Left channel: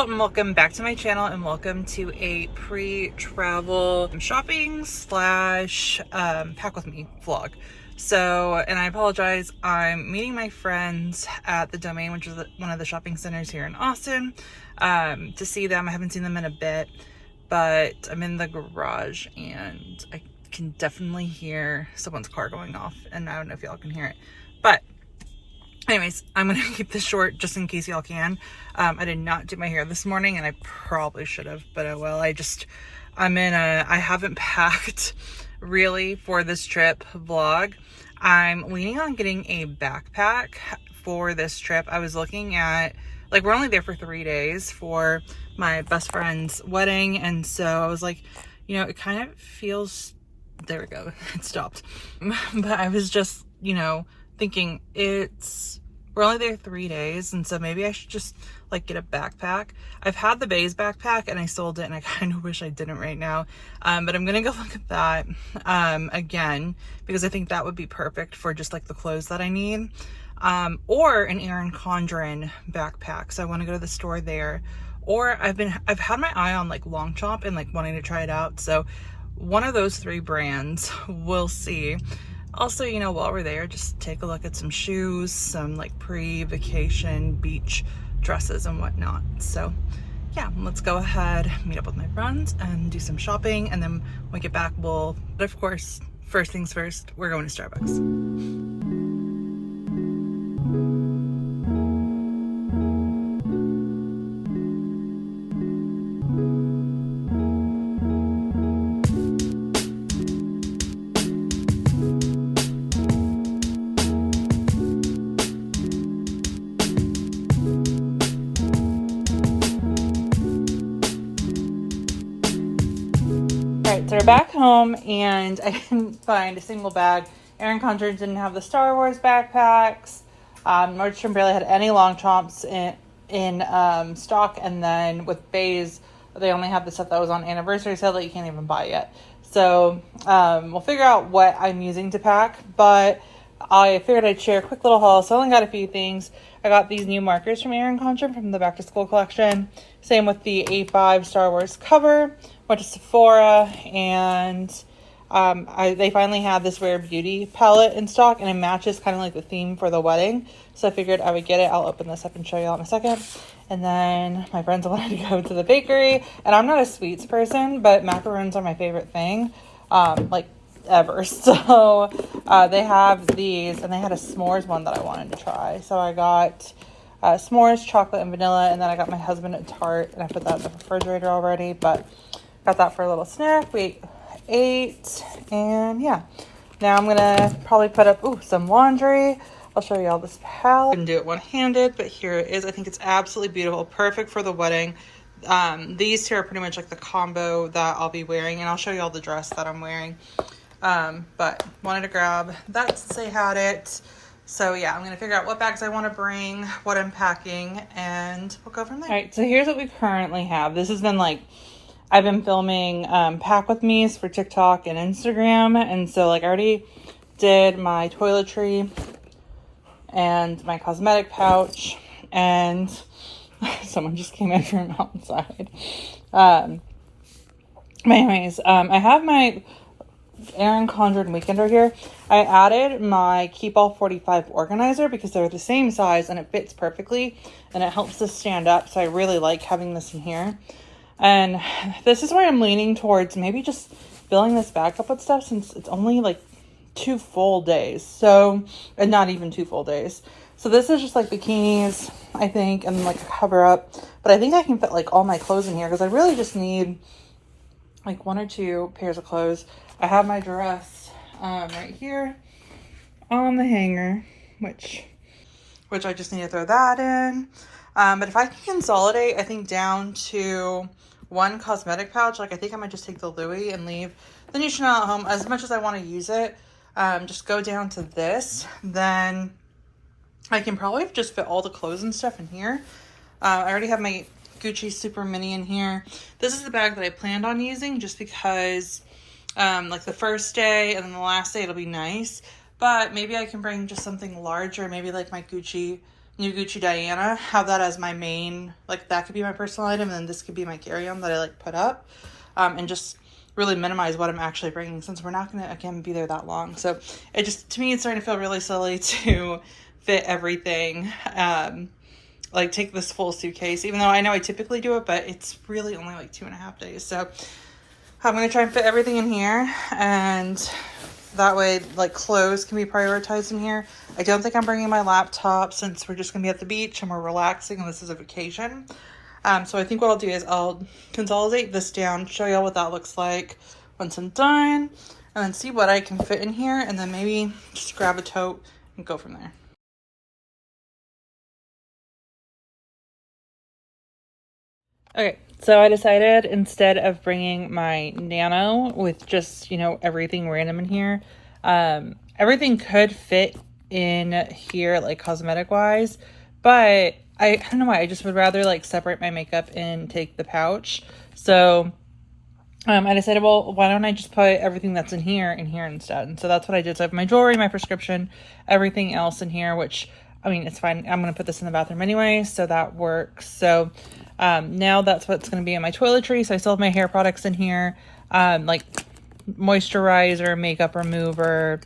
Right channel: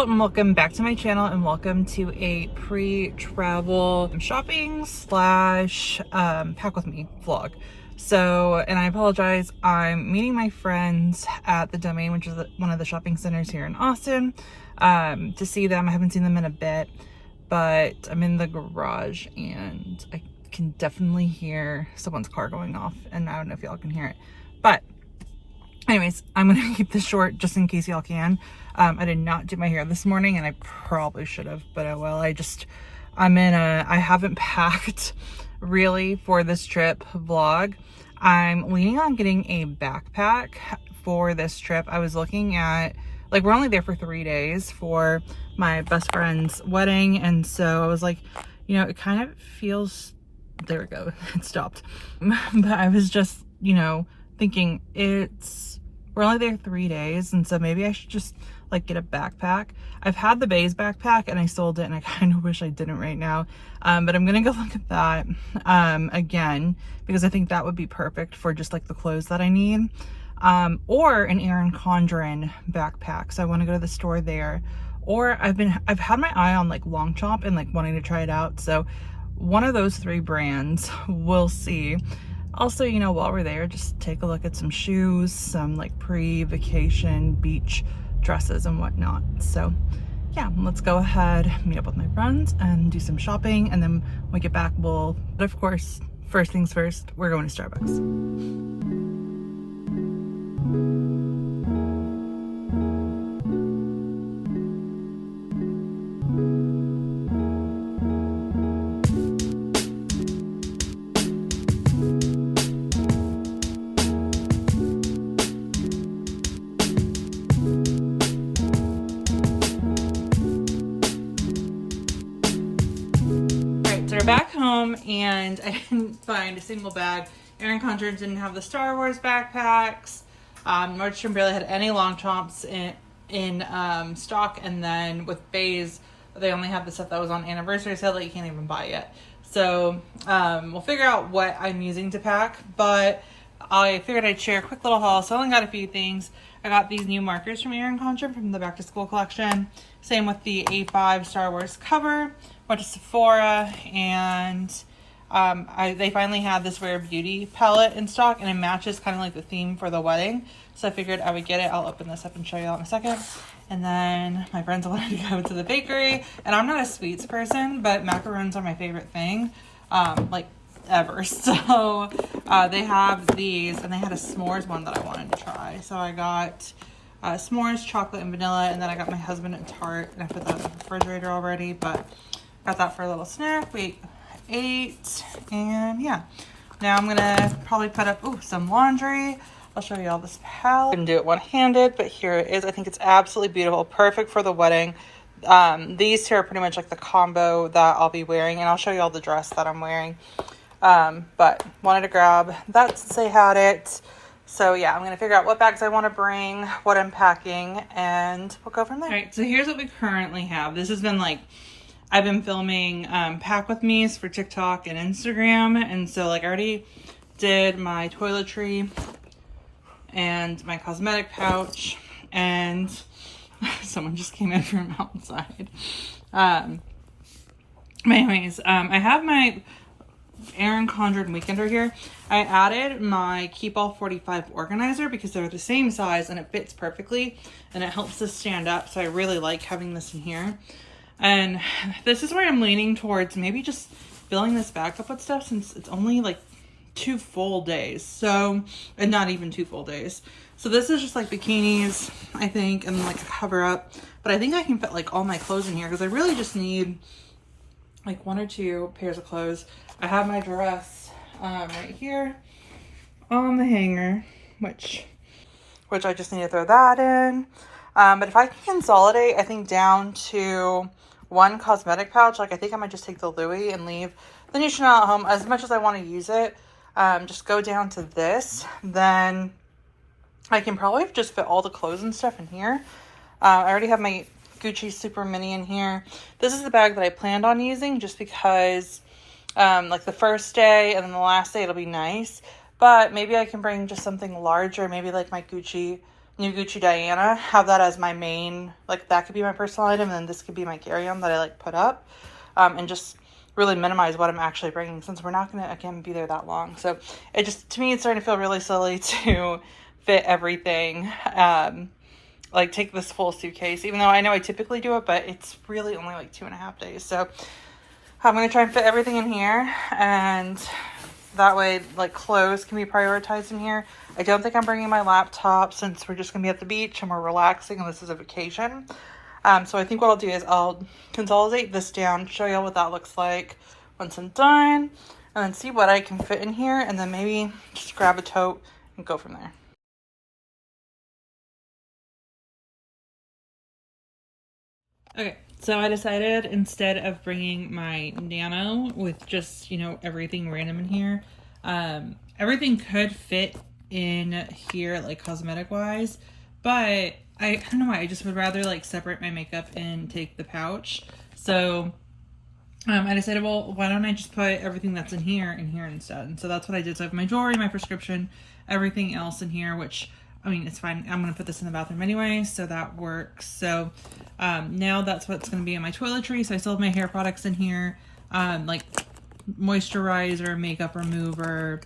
Hello and welcome back to my channel, and welcome to a pre-travel shopping slash pack with me vlog. So, and I apologize, I'm meeting my friends at the Domain, which is one of the shopping centers here in Austin, to see them. I haven't seen them in a bit, but I'm in the garage and I can definitely hear someone's car going off, and I don't know if y'all can hear it, but anyways, I'm gonna keep this short just in case y'all can. I did not do my hair this morning, and I probably should have, but oh well. I haven't packed really for this trip vlog. I'm leaning on getting a backpack for this trip. I was looking at, like, we're only there for 3 days for my best friend's wedding, and so I was like, you know, it kind of feels, there we go, it stopped. But I was just, you know, thinking we're only there 3 days, and so maybe I should just like get a backpack. I've had the BEIS backpack and I sold it, and I kind of wish I didn't right now, but I'm gonna go look at that again, because I think that would be perfect for just like the clothes that I need, or an Erin Condren backpack. So I want to go to the store there, or I've had my eye on like Longchamp and like wanting to try it out, so one of those 3 brands, we'll see. Also, you know, while we're there, just take a look at some shoes, some like pre-vacation beach dresses and whatnot. So yeah, let's go ahead, meet up with my friends and do some shopping, and then when we get back, but of course, first things first, we're going to Starbucks. So we're back home, and I didn't find a single bag. Erin Condren didn't have the Star Wars backpacks. Nordstrom barely had any Longchamps in stock, and then with BEIS, they only have the stuff that was on anniversary sale that you can't even buy yet. So we'll figure out what I'm using to pack, but I figured I'd share a quick little haul. So I only got a few things. I got these new markers from Erin Condren from the back to school collection. Same with the A5 Star Wars cover. Went to Sephora, and they finally had this Rare Beauty palette in stock, and it matches kind of like the theme for the wedding. So I figured I would get it. I'll open this up and show you all in a second. And then my friends wanted to go to the bakery, and I'm not a sweets person, but macarons are my favorite thing, like ever. So they have these, and they had a s'mores one that I wanted to try. So I got s'mores, chocolate, and vanilla, and then I got my husband a tart, and I put that in the refrigerator already, but got that for a little snack. We ate, and yeah, now I'm gonna probably put up some laundry. I'll show you all this palette. I can do it one-handed, but here it is. I think it's absolutely beautiful, perfect for the wedding. These two are pretty much like the combo that I'll be wearing, and I'll show you all the dress that I'm wearing. But wanted to grab that since I had it. So yeah, I'm gonna figure out what bags I want to bring, what I'm packing, and we'll go from there. All right, so here's what we currently have. This has been like, I've been filming pack with me's for TikTok and Instagram, and so like I already did my toiletry and my cosmetic pouch, and someone just came in from outside. But anyways, I have my Erin Condren Weekender here. I added my Keep All 45 organizer because they're the same size and it fits perfectly, and it helps this stand up, so I really like having this in here. And this is where I'm leaning towards maybe just filling this back up with stuff, since it's only like 2 full days. So, and not even 2 full days. So this is just like bikinis, I think, and like a cover up. But I think I can fit like all my clothes in here, because I really just need like 1 or 2 pairs of clothes. I have my dress right here on the hanger, which I just need to throw that in. But if I can consolidate, I think down to 1 cosmetic pouch, like I think I might just take the Louis and leave the new Chanel at home. As much as I want to use it, just go down to this, then I can probably just fit all the clothes and stuff in here. I already have my Gucci Super Mini in here. This is the bag that I planned on using, just because like the first day and then the last day it'll be nice, but maybe I can bring just something larger, maybe like my Gucci new Gucci Diana, have that as my main, like that could be my personal item, and then this could be my carry-on that I like put up, and just really minimize what I'm actually bringing, since we're not going to, again, be there that long. So it just, to me, it's starting to feel really silly to fit everything, like take this full suitcase, even though I know I typically do it, but it's really only like 2.5 days. So I'm going to try and fit everything in here, and that way, like, clothes can be prioritized in here. I don't think I'm bringing my laptop, since we're just going to be at the beach and we're relaxing and this is a vacation. So I think what I'll do is I'll consolidate this down, show y'all what that looks like once I'm done, and then see what I can fit in here, and then maybe just grab a tote and go from there. Okay, so I decided, instead of bringing my Nano with just, you know, everything random in here, everything could fit in here, like cosmetic wise, but I don't know why, I just would rather like separate my makeup and take the pouch. So I decided, well, why don't I just put everything that's in here instead? And so that's what I did. So I have my jewelry, my prescription, everything else in here, which, I mean, it's fine. I'm going to put this in the bathroom anyway, so that works. So now that's what's going to be in my toiletry. So I still have my hair products in here, like moisturizer, makeup remover,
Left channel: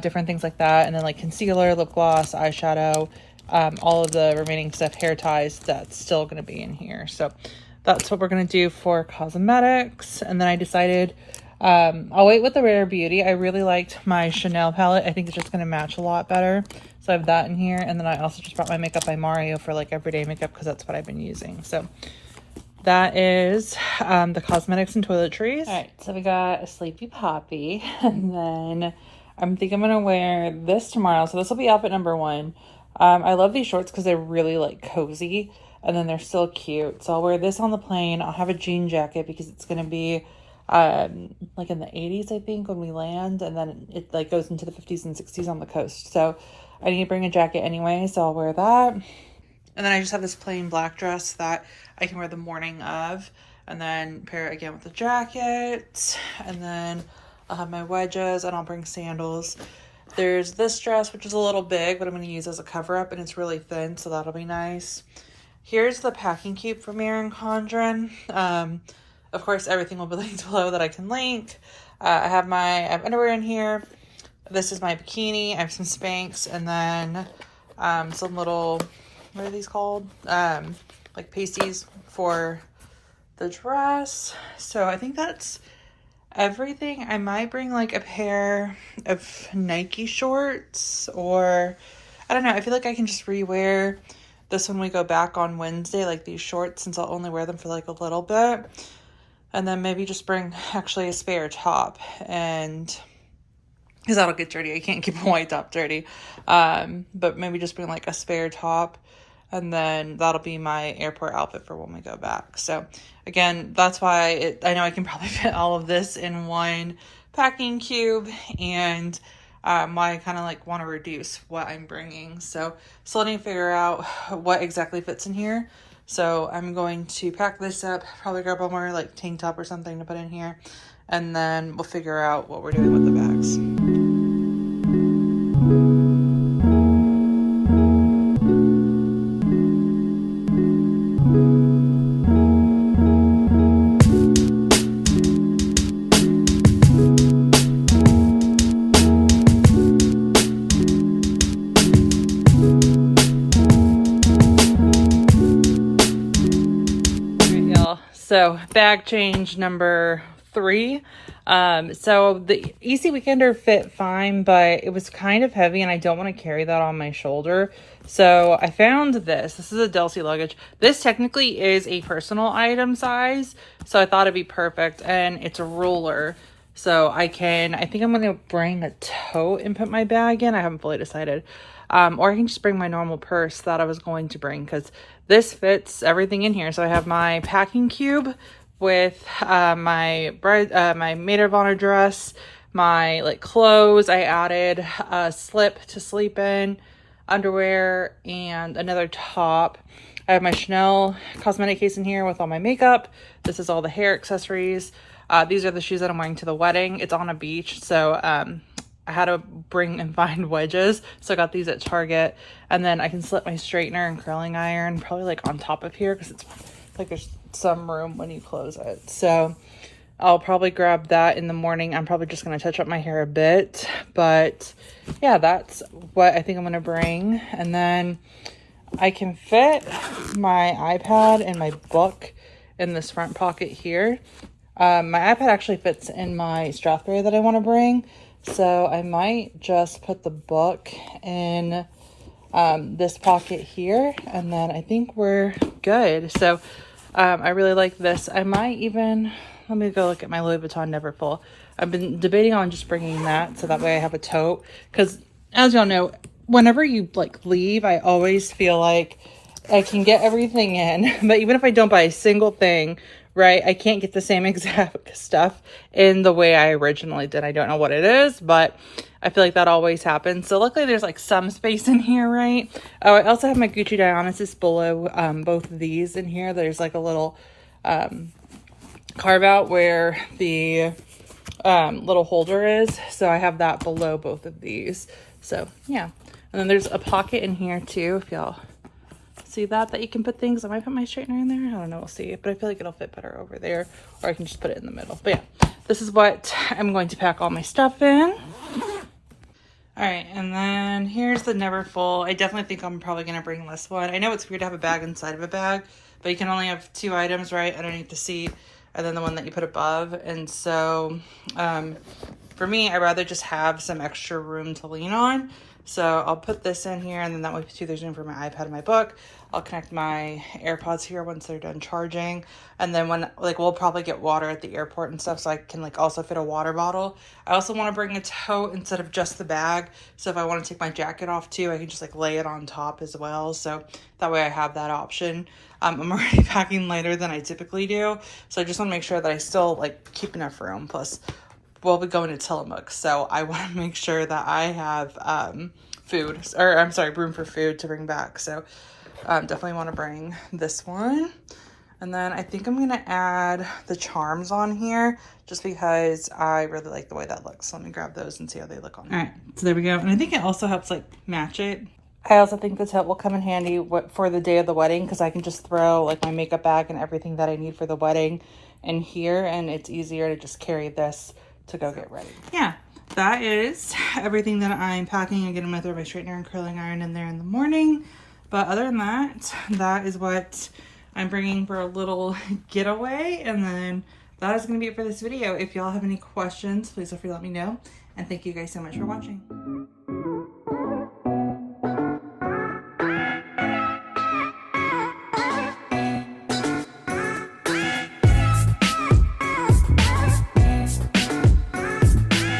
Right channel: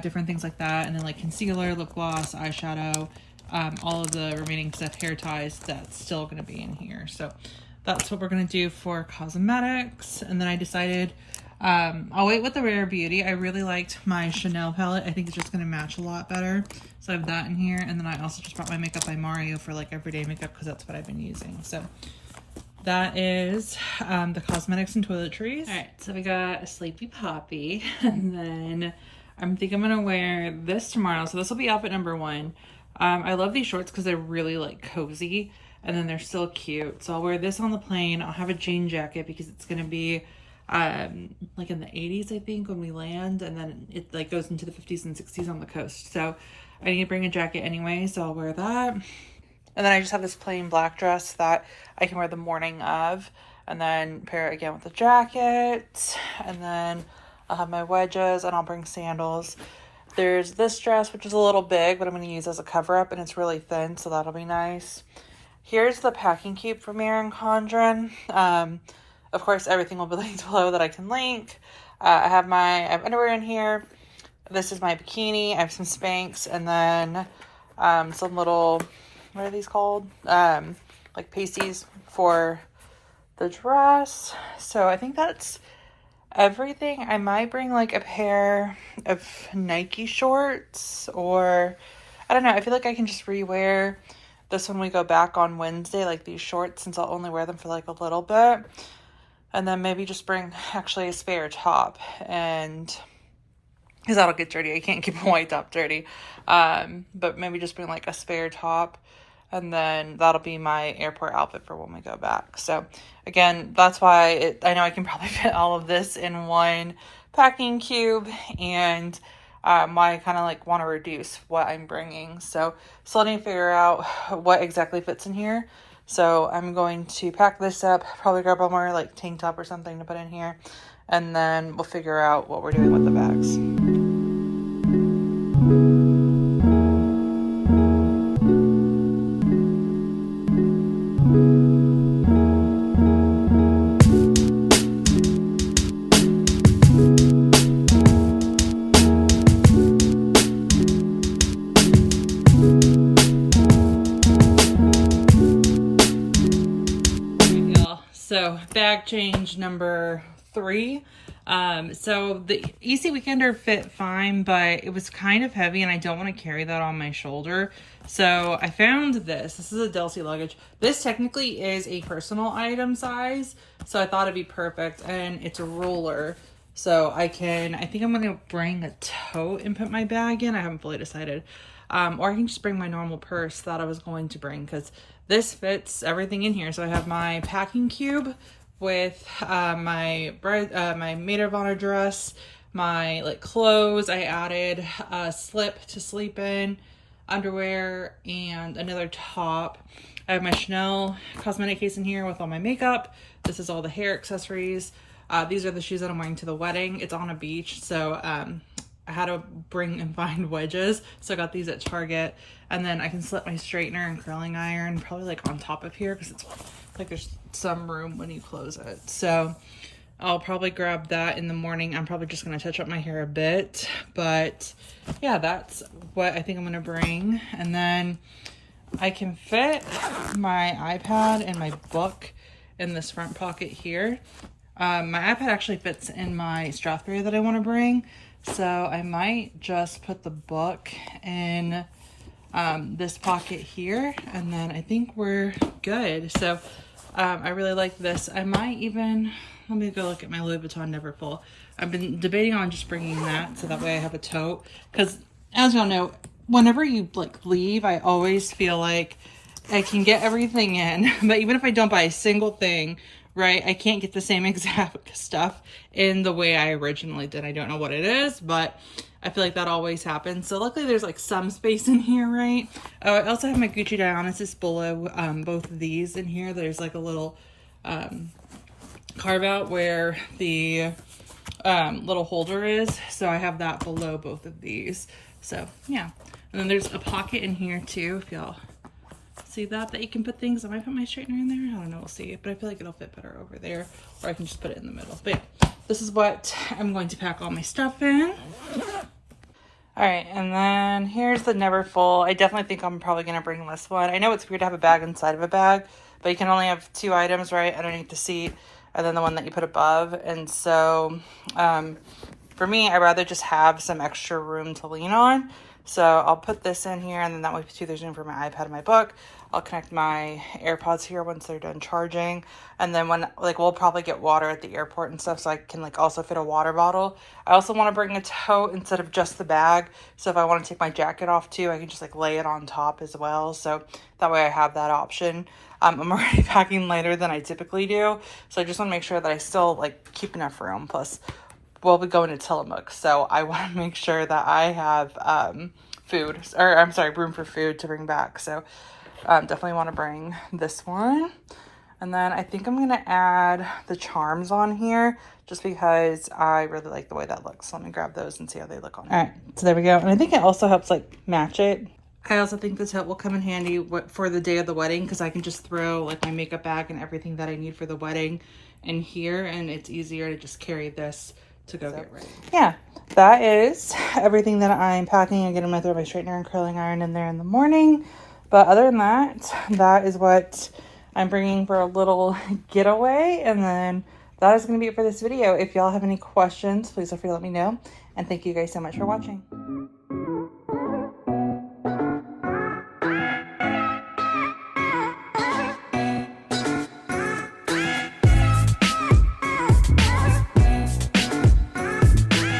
different things like that. And then like concealer, lip gloss, eyeshadow, all of the remaining stuff, hair ties, that's still going to be in here. So that's what we're going to do for cosmetics. And then I decided I'll wait with the Rare Beauty. I really liked my Chanel palette. I think it's just going to match a lot better. So I have that in here. And then I also just brought my Makeup by Mario for like everyday makeup, because that's what I've been using. So that is the cosmetics and toiletries. All right, so we got a Sleepy Poppy. And then I think I'm going to wear this tomorrow. So this will be outfit number 1. I love these shorts because they're really like cozy, and then they're still cute. So I'll wear this on the plane. I'll have a jean jacket because it's going to be like in the 80s, I think, when we land, and then it like goes into the 50s and 60s on the coast. So I need to bring a jacket anyway, so I'll wear that. And then I just have this plain black dress that I can wear the morning of, and then pair it again with the jacket. And then I'll have my wedges, and I'll bring sandals. There's this dress, which is a little big, but I'm going to use as a cover-up, and it's really thin, so that'll be nice. Here's the packing cube from Erin Condren. Of course, everything will be linked below that I can link. I have underwear in here. This is my bikini. I have some Spanx, and then some little, what are these called? Like pasties for the dress. So I think that's everything. I might bring like a pair of Nike shorts, or I don't know. I feel like I can just rewear this when we go back on Wednesday, like these shorts, since I'll only wear them for like a little bit. And then maybe just bring actually a spare top, and because that'll get dirty. I can't keep a white top dirty. But maybe just bring like a spare top, and then that'll be my airport outfit for when we go back. So again, that's why I know I can probably fit all of this in one packing cube, and why I kind of like want to reduce what I'm bringing. So still need to figure out what exactly fits in here. So I'm going to pack this up, probably grab one more like tank top or something to put in here, and then we'll figure out what we're doing with the bags. So bag change number 3. So the Easy Weekender fit fine, but it was kind of heavy and I don't want to carry that on my shoulder. So I found this. This is a Delsey luggage. This technically is a personal item size, so I thought it'd be perfect, and it's a roller. So I think I'm going to bring a tote and put my bag in. I haven't fully decided. Or I can just bring my normal purse that I was going to bring, because this fits everything in here. So I have my packing cube with my maid of honor dress, my like clothes. I added a slip to sleep in, underwear, and another top. I have my Chanel cosmetic case in here with all my makeup. This is all the hair accessories. These are the shoes that I'm wearing to the wedding. It's on a beach, so I had to bring and find wedges. So I got these at Target. And then I can slip my straightener and curling iron probably like on top of here because it's like there's some room when you close it. So I'll probably grab that in the morning. I'm probably just going to touch up my hair a bit. But yeah, that's what I think I'm going to bring. And then I can fit my iPad and my book in this front pocket here. My iPad actually fits in my Strathberry that I want to bring. So I might just put the book in this pocket here. And then I think we're good. So I really like this. I might even, let me go look at my Louis Vuitton Neverfull. I've been debating on just bringing that so that way I have a tote. Because as y'all know, whenever you like leave, I always feel like I can get everything in. But even if I don't buy a single thing, right, I can't get the same exact stuff in the way I originally did. I don't know what it is, but I feel like that always happens. So luckily there's like some space in here, right? Oh, I also have my Gucci Dionysus below both of these in here. There's like a little carve out where the little holder is. So I have that below both of these. So yeah. And then there's a pocket in here too, if y'all see that you can put things. I might put my straightener in there. I don't know, we'll see. But I feel like it'll fit better over there, or I can just put it in the middle. But yeah, this is what I'm going to pack all my stuff in. All right, and then here's the Neverfull. I definitely think I'm probably gonna bring this one. I know it's weird to have a bag inside of a bag, but you can only have 2 items, right, underneath the seat, and then the one that you put above. And so for me, I'd rather just have some extra room to lean on. So I'll put this in here, and then that way too there's room for my iPad and my book. I'll connect my AirPods here once they're done charging. And then when, like, we'll probably get water at the airport and stuff, so I can, like, also fit a water bottle. I also want to bring a tote instead of just the bag. So if I want to take my jacket off, too, I can just, like, lay it on top as well. So that way I have that option. I'm already packing lighter than I typically do. So I just want to make sure that I still, like, keep enough room. Plus, we'll be going to Tillamook. So I want to make sure that I have food, or I'm sorry, room for food to bring back. So definitely want to bring this one. And then I think I'm going to add the charms on here just because I really like the way that looks. So let me grab those and see how they look on. All right, so there we go. And I think it also helps like match it. I also think the tote will come in handy for the day of the wedding because I can just throw like my makeup bag and everything that I need for the wedding in here. And it's easier to just carry this to go get ready. Yeah, that is everything that I'm packing. Again, I'm going to throw my straightener and curling iron in there in the morning. But other than that, that is what I'm bringing for a little getaway. And then that is going to be it for this video. If y'all have any questions, please feel free to let me know. And thank you guys so much for watching.